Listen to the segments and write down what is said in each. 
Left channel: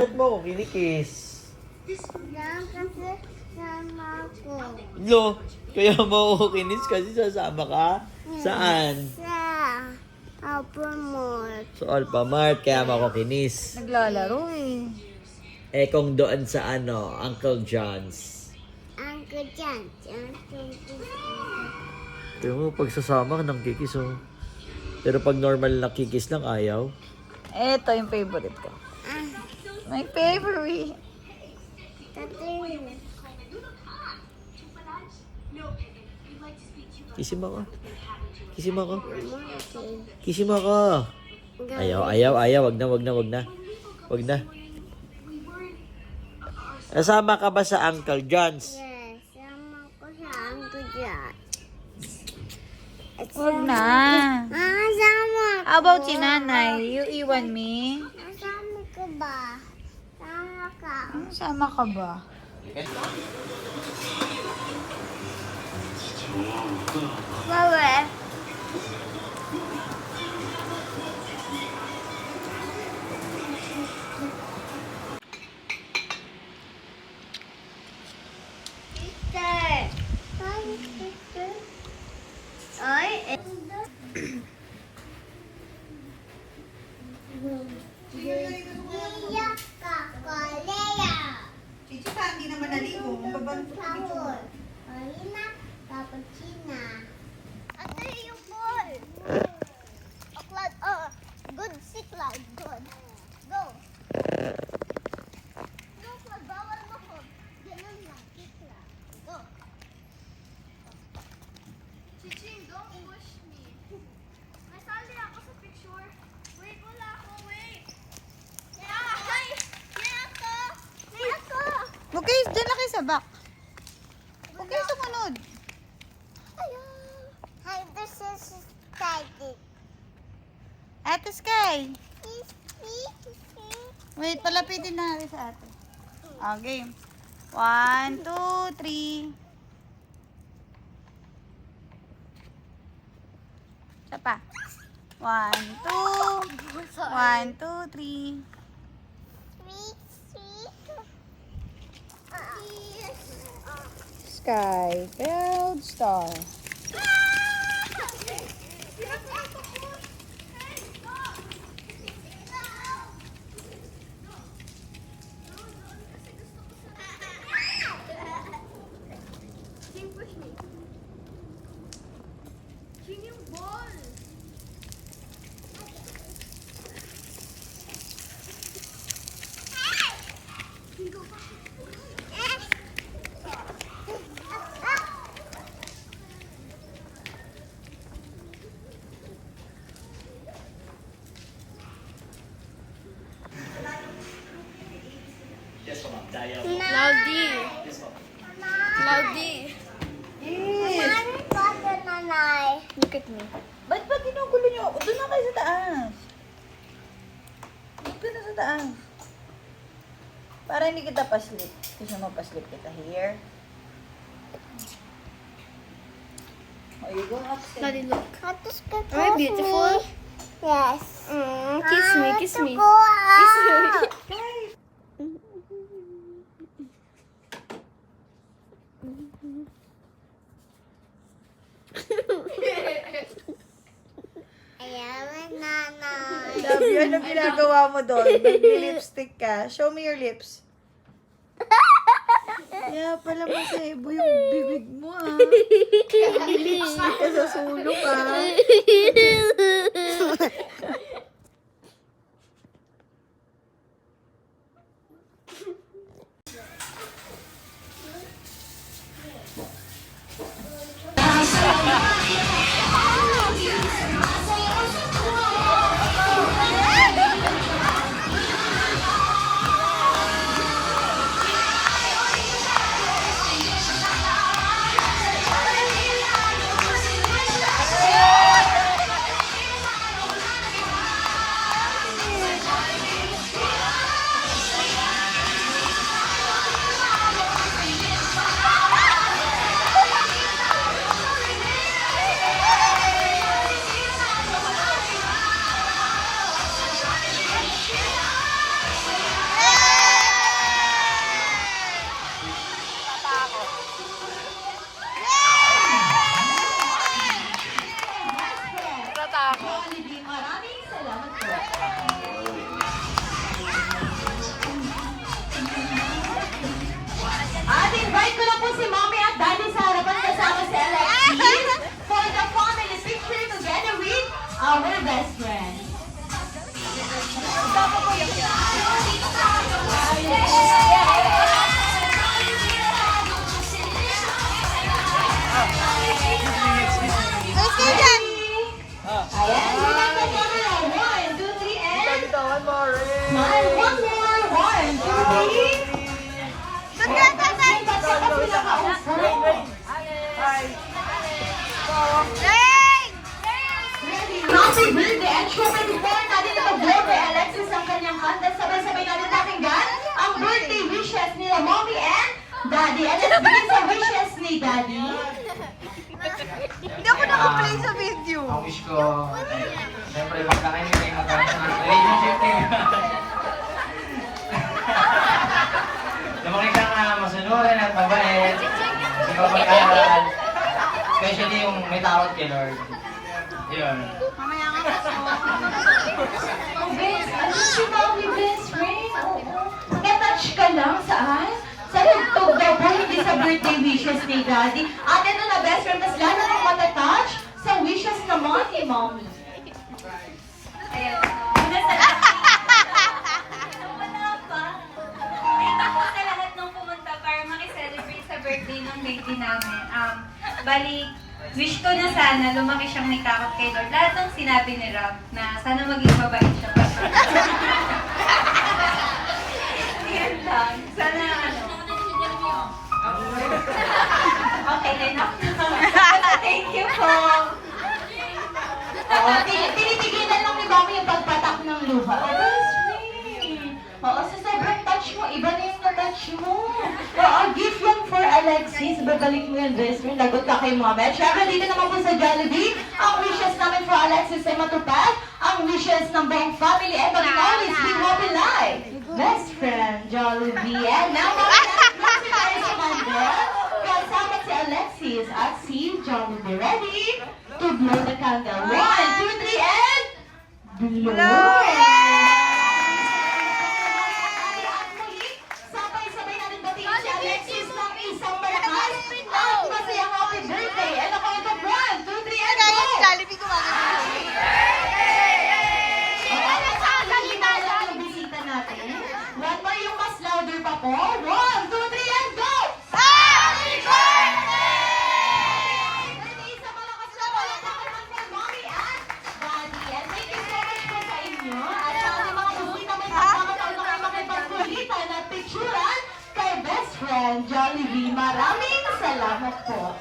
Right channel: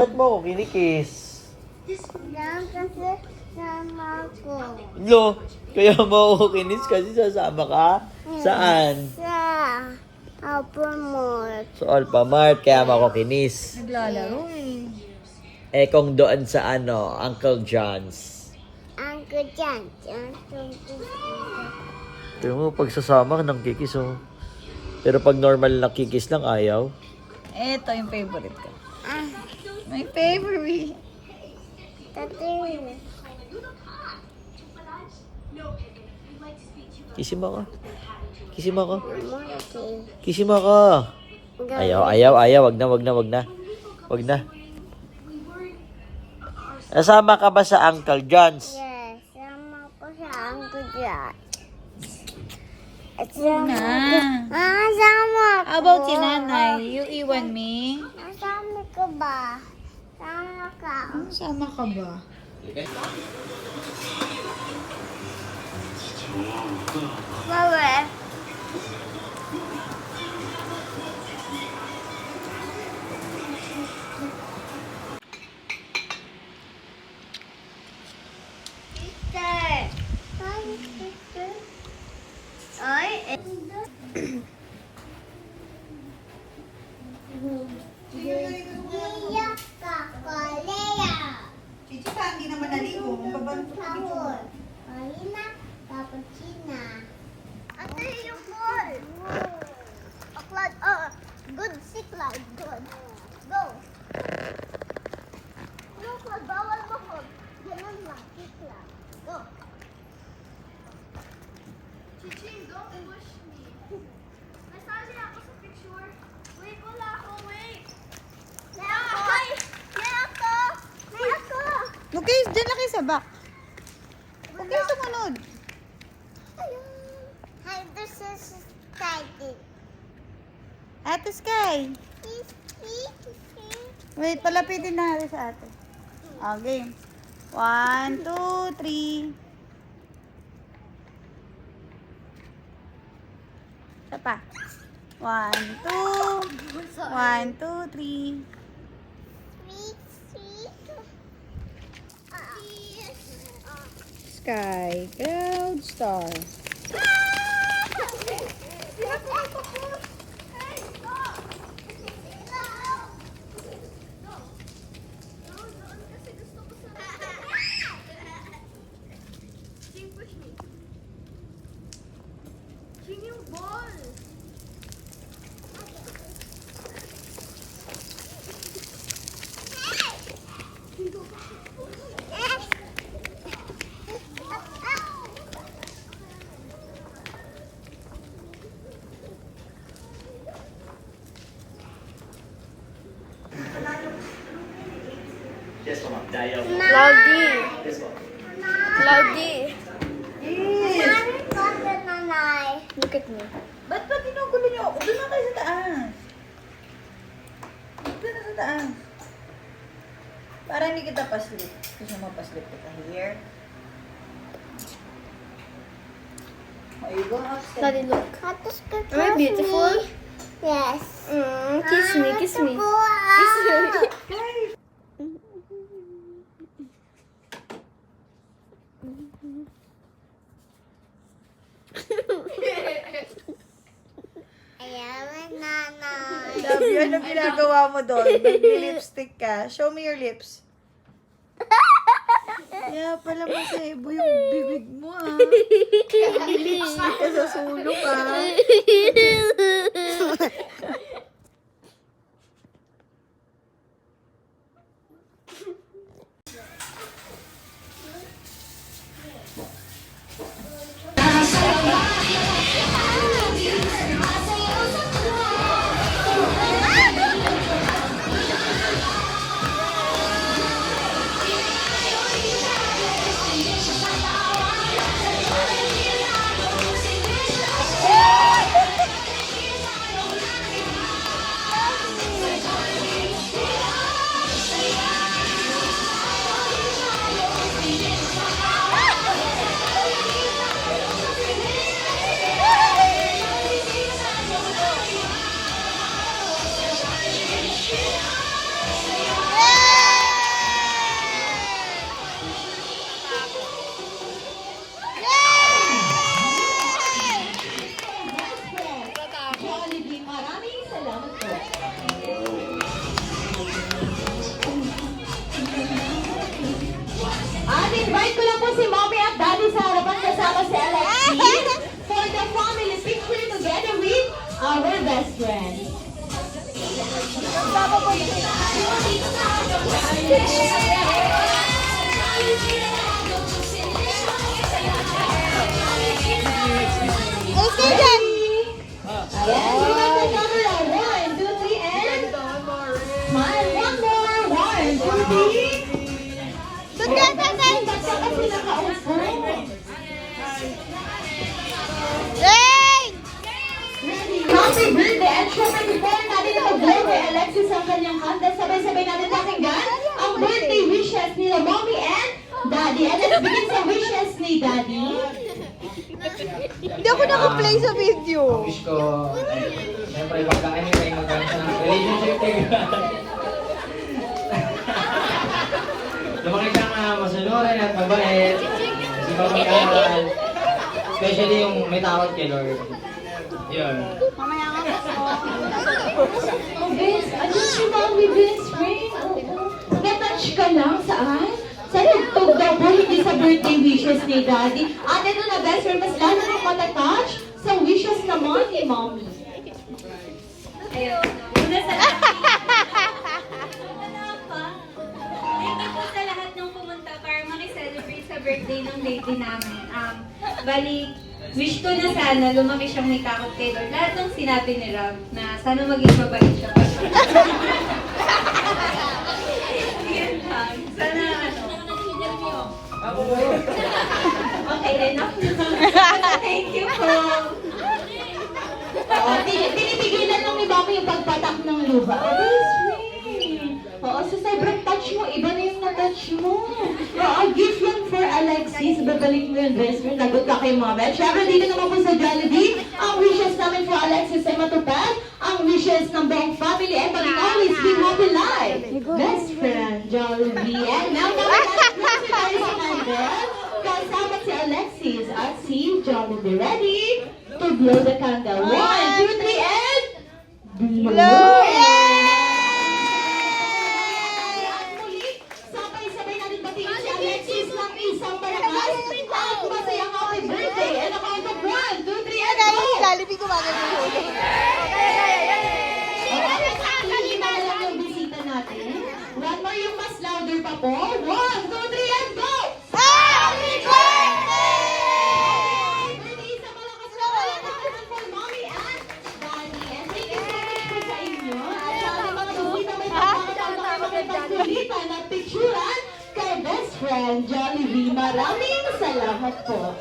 Ba't mo ako kinikis? Lang kasi sama ko. Lo, kaya mo ako kinis kasi sasama ka? Saan? Sa Apple Mall. Sa Alphamart, kaya mo ako kinis. Naglalaro eh. Eh kung doon sa Uncle John's. Uncle John. Pero mo, pagsasama ng kikis, oh. Pero pag normal na kikis lang, ayaw. Ito yung favorite ko. My favorite. Tati. Kisim ako. Kisim ako. Multi. Kisim ako. Ayaw. Wag na. Nasama ka ba sa Uncle John's? Yes, sama ko sa Uncle John. Huwag na. Sama ko. How about si nanay? You iwan me? Sama ka ba? Sama ka. Sama ka ba? Bawal. Sister. Hi, sister. Ay, Iyak ka, Kolea. Chichi ka, hindi naman naligo. Sabor. Marina, cappuccino. Ate, yung ball. Aklad, good siklad, good. Go. No, Claude, bawal mo ko. Ganun lang, siklad. Go. Chichi, don't push me. Nasali ako sa picture. Wait, wala ako, wait. May ako. Okay, dyan lang kayo sa back. Okay, sumunod. Hi, this is excited. Ate Sky. Wait, palapitin na natin sa ate. Okay. 1, 2, 3. Isa pa. 1, 2. 1, 2, 3. Sky, cloud, star. Yes, ma'am. Dayaw. Cloudy. Yes, ma'am. Cloudy. Yes. Nanay. Look at me. Ba't ba tinugulo niyo ako? Doon na kayo sa taas. Doon na sa taas. Para hindi kita paslip. Gusto mo paslip kita here. There you go. Daddy, look. Hatos ka Am I beautiful? Yes. Kiss me, kiss me. Kiss me. Ayaw, nanay. Love you. Anong ginagawa mo doon? Nag-lipstick ka. Show me your lips. Yeah, pala masebo yung bibig mo ah. Lipstick ka sa sulok ah. Alis ka dyan! Ayan, one, two, three, and smile. One more. One, two, three. Doon ka, tatay! Yay! Happy birthday! At syempre, before natin ipag-blow kay Alexis ang kanyang kanta, sabay-sabay natin pakinggan ang birthday wishes ni Mommy and Daddy. And let's begin sa wishes ni Daddy. Hindi ako naka-play sa video. Ang wish ko, siyempre pagkain ay magkaroon siya ng relationship niya. Lumaki ka nga masunuran at mabait, kasi ka mag-aral, especially yung may takot kay Lord. Yun. Oh, best. Ano si Mommy best friend? Oo. Natouch ka lang saan? Sa tugtog daw po, hindi sa birthday wishes ni Daddy. At ito na best friend, mas lalo kang matatouch sa wishes naman ni Mommy. Ayun. Wala pa. Wait ako sa lahat ng pumunta para makiselebrate sa birthday ng baby namin. Bali, wish ko na sana lumaki siyang may takot kay Lord. Lahat ng sinabi ni Rob na sana maging mabait siya. Yan lang. Sana okay, enough na. Thank you po. Oo, pinipigilan ng iba ko yung pagpatak ng luha. Oo, sa sobrang touch mo, iba na yung na-touch mo. Oo, gift lang for Alexis. Babalik mo yun, best friend. Lagot ka kay Mama. Siyempre, dito naman po sa Jollibee, ang wishes namin for Alexis ay matupad. Ang wishes ng buong family and will always be happy life. Best friend, Jollibee. And now, Mama, let's tayo sa candle. Kasama si Alexis at si Jollibee. Ready to blow the candle. 1, 2, 3, and blow! Sabay-sabay natin batiin si Alexis ng isang malakas at masayang happy birthday. And ako ito, 1, 2, 3, and go! Jollibee gumagano. Hindi na lang yung bisita natin. One more yung mas louder pa po. 1, 2, 3, and go! Happy birthday! Isa malakas na palakpakan for Mommy and Daddy. And thank you so much po sa inyo. At sa aking mga bisita may pagkakataon na makipagkulitan at picturean kay best friend Jollibee. Maraming salamat po.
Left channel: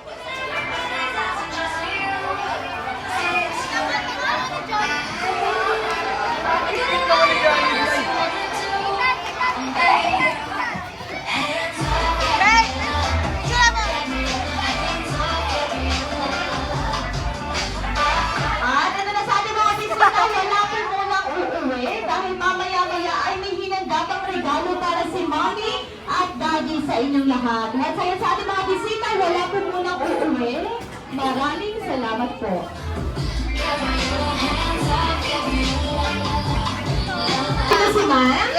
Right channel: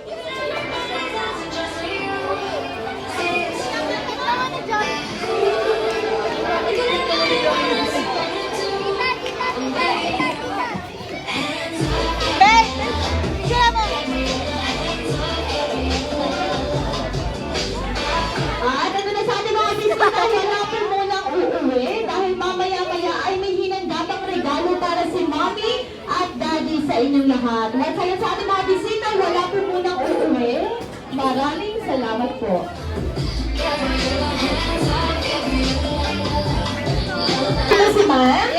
At ito na sa ating mga bisita, hanapin muna ang uuwi dahil mamaya-maya ay may hinandang regalo para si Mommy at Daddy sa inyong lahat. At kaya sa ating mga bisita, wala po muna ang uuwi. Maraming salamat po. Ano si Ma'am?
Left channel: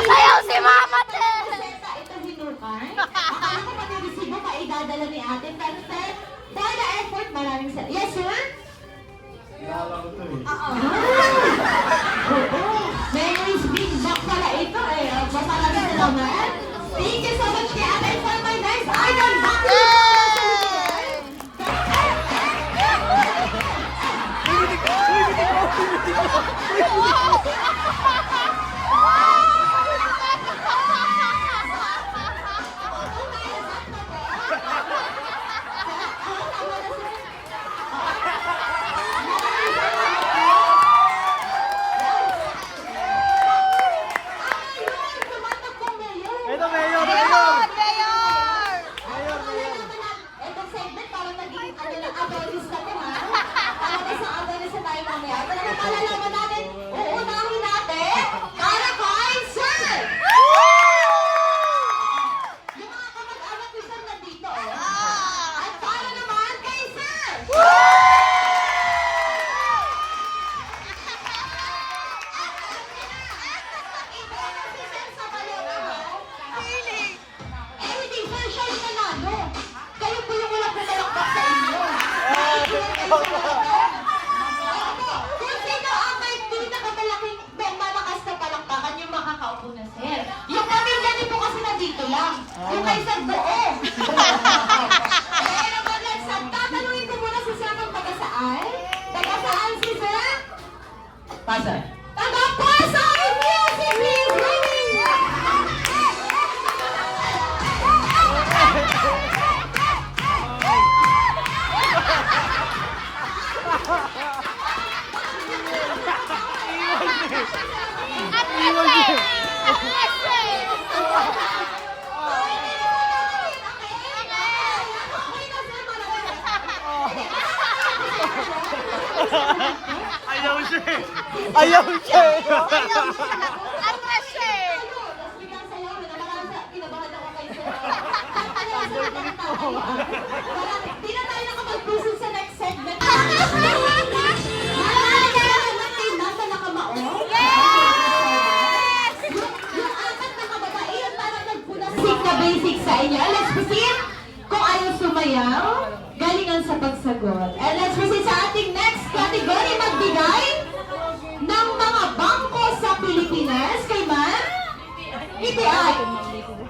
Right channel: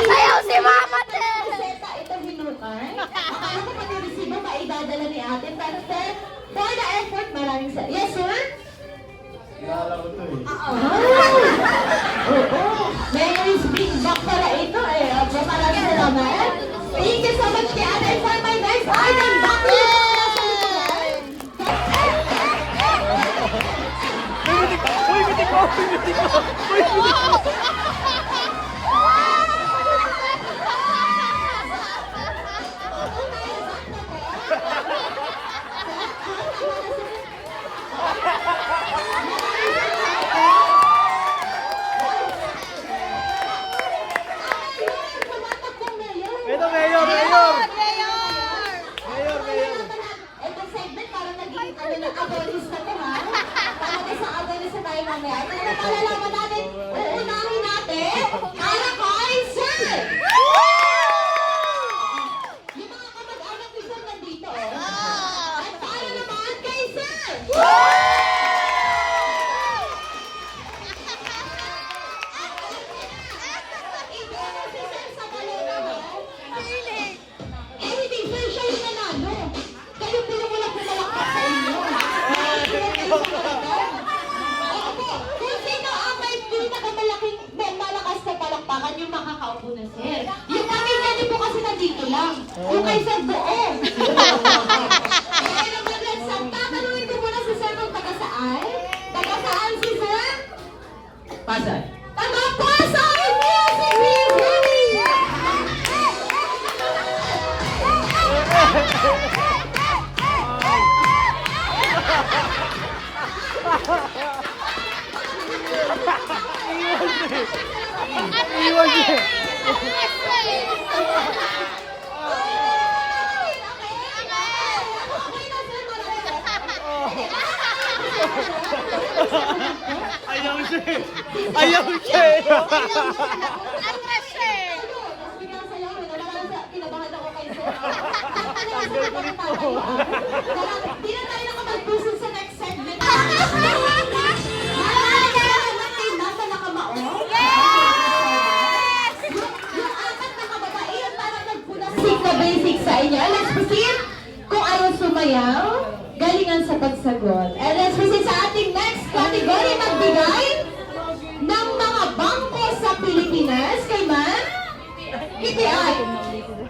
Sayaw si Mama Ted! Ito hinukan. Akala ko pag resibo pa idadala ni ate. Pero sir, for the effort, maraming salamat. Yes, sir? Oo. May big box pala ito eh. Maraming salamat. Thank you so much kay ate. For my next item, back to you mga sa likuran. Ito, Mayor! Itong segment parang naging ano na awareness na to ha. Parang sa awareness na tayo mamaya. Pero palalaman natin, uunahin natin, para kay Sir! Yung mga kamag-anak ni Sir nandito. At para naman kay Sir! Ito ako si Sir sa kayo. Eh, hindi, Sir, siya yung nanalo. Kayo po yung walang pumalakpak sa inyo. Kung sino ang may pinakamalaking, may malakas na palakpakan yung makakaupo na, Sir. lang. Yung kay Sir doon. Eh, naman lang, Sir. Tatanungin ko muna si Sir kung taga saan. Taga saan si Sir? Pasay. Taga Pasay Music Video! Ayaw siya eh. Di na tayo nakapag-pusin sa next segment. Nasa nakamao? Yung apat na kababaihan parang nagpunasik na basic sa inyo. Let's proceed. Kung ayaw sumayaw, galingan sa pagsagot. And let's proceed sa ating next category. Magbigay ng mga bangko sa Pilipinas. Kay Ma'am? PTI.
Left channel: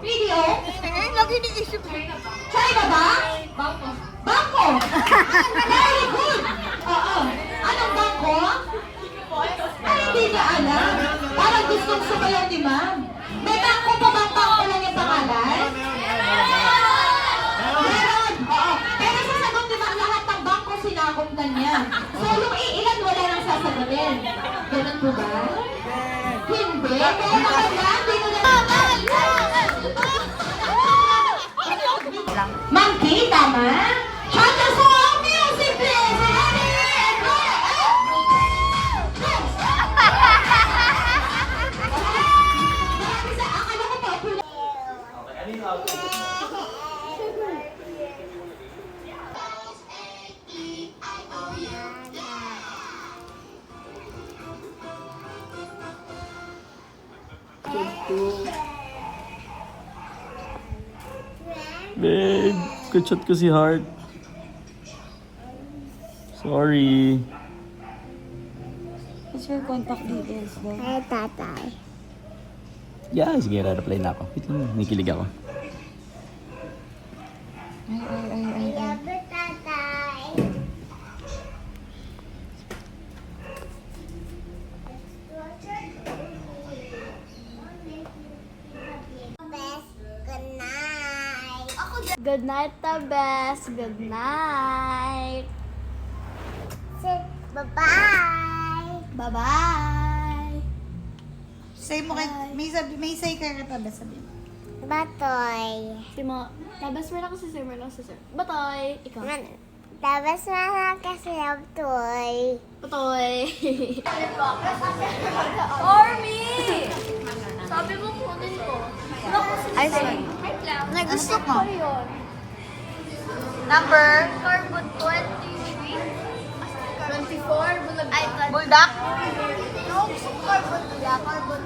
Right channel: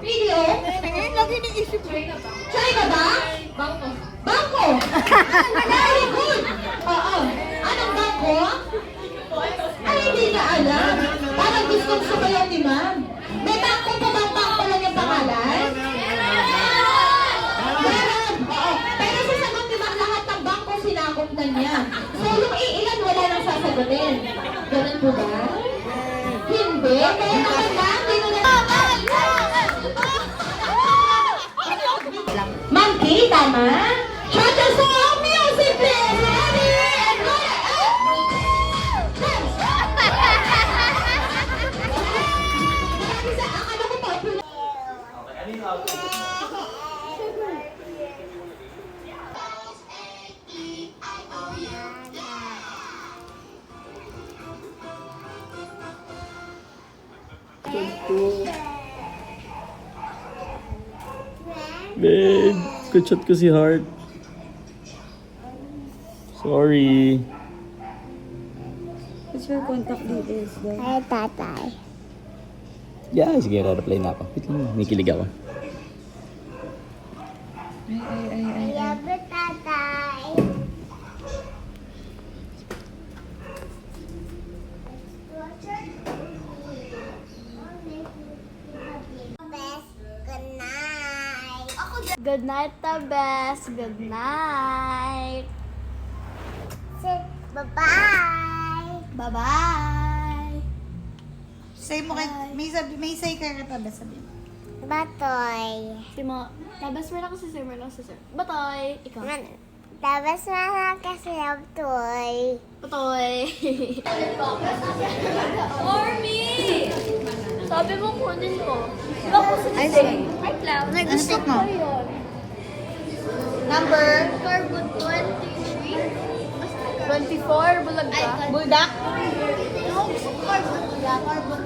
PDO? China ba? Bangko. Bangko! Very good! Oo. Anong bangko? Ay, hindi niya alam. Parang gustong sumayaw ni Ma'am. May bangko pa bang bangko lang yung pangalan? Meron! Oo. Pero sasagot ni Ma'am lahat ng bangko sinaguntan niya. So, yung iilan wala nang sasagutin. Ganun po ba? Hindi. Kaya naman lang, hindi na Ma'am Kay, tama? Chanta song music, please! Ready and roll! Akala ko popular. Babe, kachat ko si Heart. Sorry. What's your contact details, babe? Ay, tatay. Yeah, sige, re-reply na ako. Wait lang, may kilig ako. Yabe, tatay. Good night, the best. Good night. Say bye-bye. Bye-bye. Say mo kay, may say ka ba sabihin? Batoy. Si mo, tabas mo na ako si Sir, mo na ako si Sir. Batoy! Ikaw. Tapos mga kasi toy. Batoy! Stormy! Sabi mo kunin ko. Ay, nagusto ko yun. Number Carbon 23. 24, bulag ka. Buldak?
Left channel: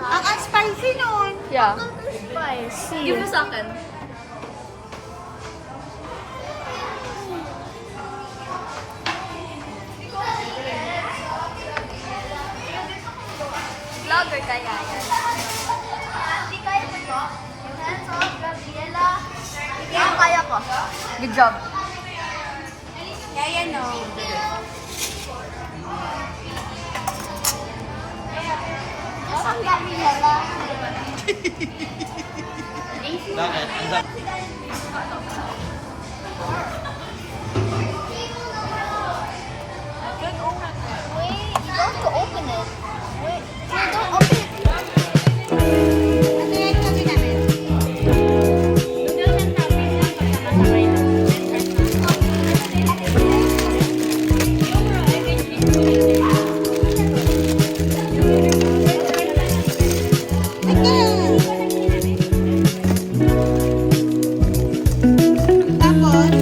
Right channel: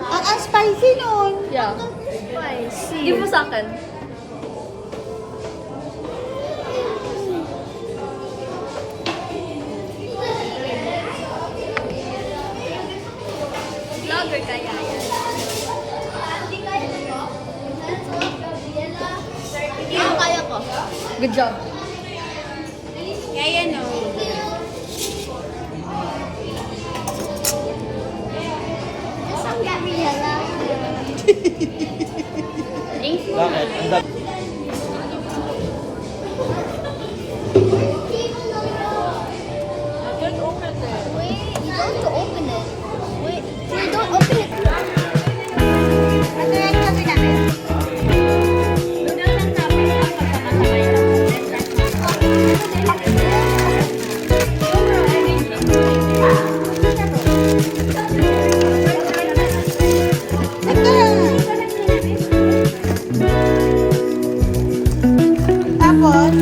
Ang spicy nun. Yeah. Spicy. Give mo sa akin. Vlogger kaya. Kaya ko. Good job. Kaya no. Nasaan Gabriela? Don't open it. Don't open it. Wait, don't open it. Nag-direct kami namin. Tapos,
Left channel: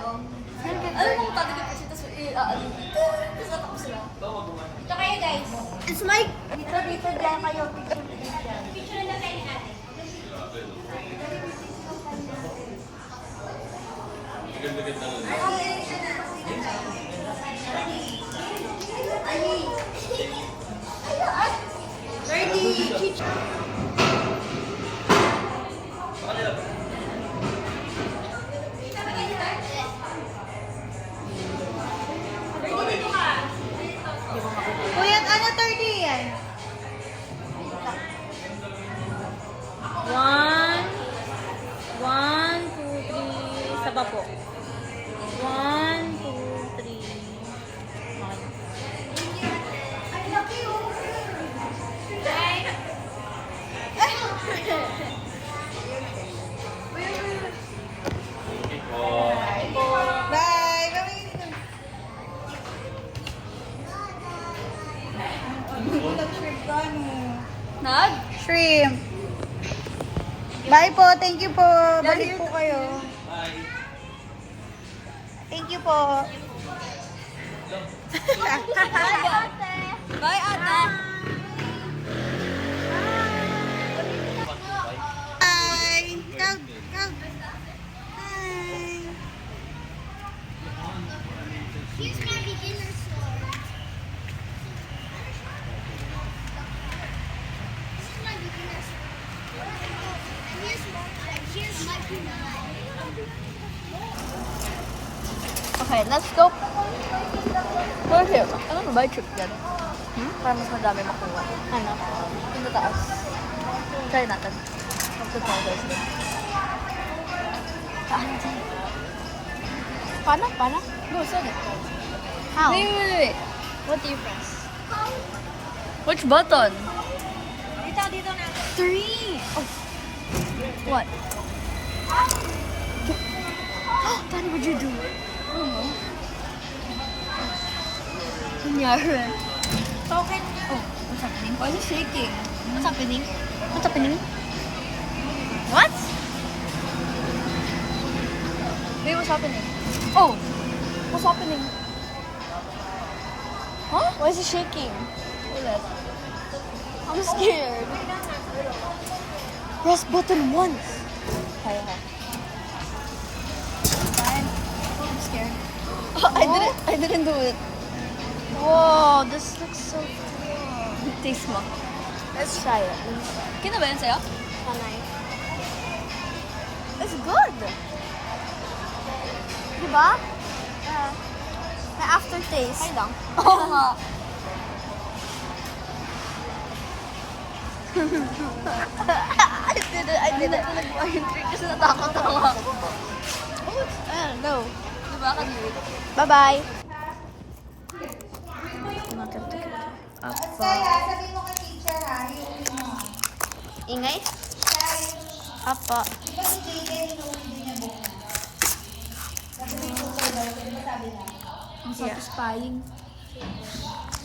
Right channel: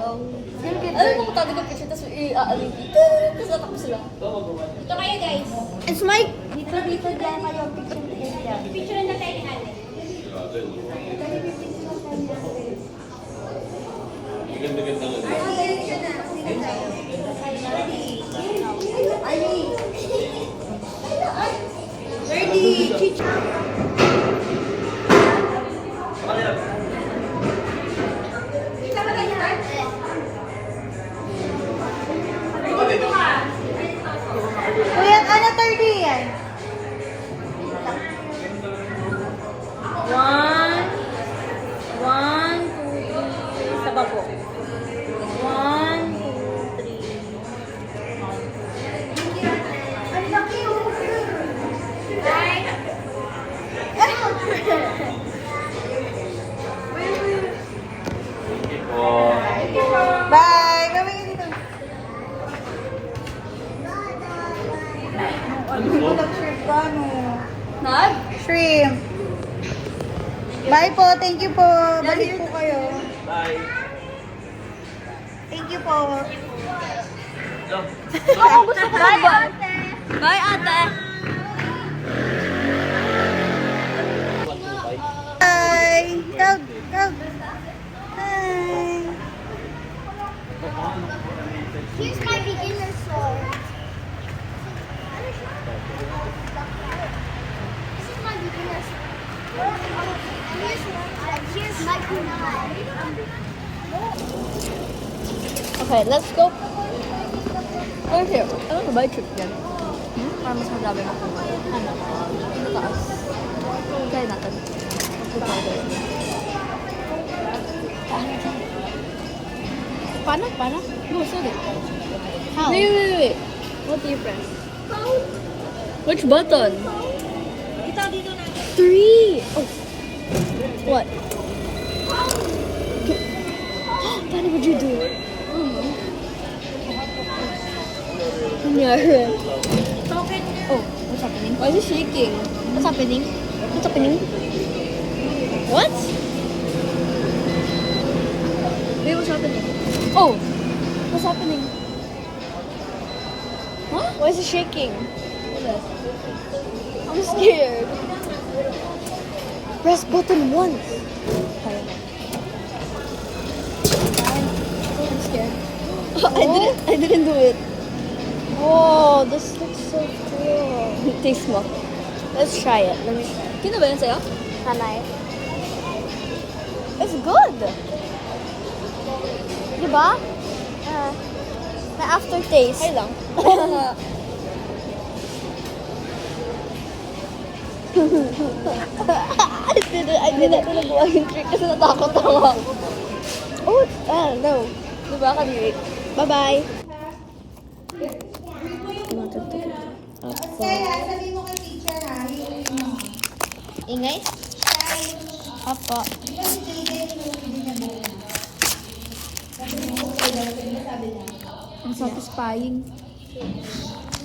song. Alam mo, tatagal ko siya, tapos i-aaling. Tapos natakot sila. Ito kayo guys. It's my... Dito lang kayo, picture. Picture na tayo natin. Kuya, ano 30 yan? 1, 2, 3. Saba po. 1, 2, 3. Bye! Kami dito. Ano po nag-shrimp ka, no? Nag? Shrimp. Bye po, thank you po. Balik po kayo. Bye. Thank you po. Bye, ate. Bye, ate. Hi! Tag! Tag! Hi! Here's my beginner song. This is my beginner song. Here's my kunai. Okay, let's go. Where's here? Ano ba ba yung trip yan? Para mas madami makuha. Ano? Yung taas. Try natin. Try guys. Paano? Paano? No, start it. How? Wait. What do you press? Which button? Dito na. 3. Oh. What? Paano would you do it? Nangyari. Token. Oh, what's happening? Why is it shaking? What's happening? What's happening? What? Wait, what's happening? Oh, what's happening? Huh? Why is it shaking? I'm scared. Press button once. Kaya ka. I'm scared. I didn't do it. Whoa, this looks so cool. Taste mo. Let's try it. Let me try it. Kino ba yun sa'yo? Kamay. It's good. Diba? May aftertaste. Ay lang. Oo nga. I didn't nagawa yung trick kasi natakot ako. Oh, no. Diba, kadiri? Bye-bye. Ingay? Apa. Ang satisfying.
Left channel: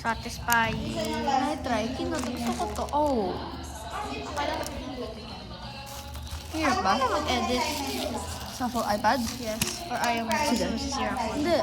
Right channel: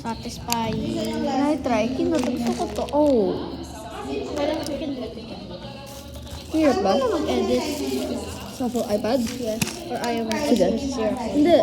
Satisfying. Na-try. Kinatuto ko to. Oh. Hirap ba? Edit. Sa iPad? Yes. Or I want to use your phone? Hindi.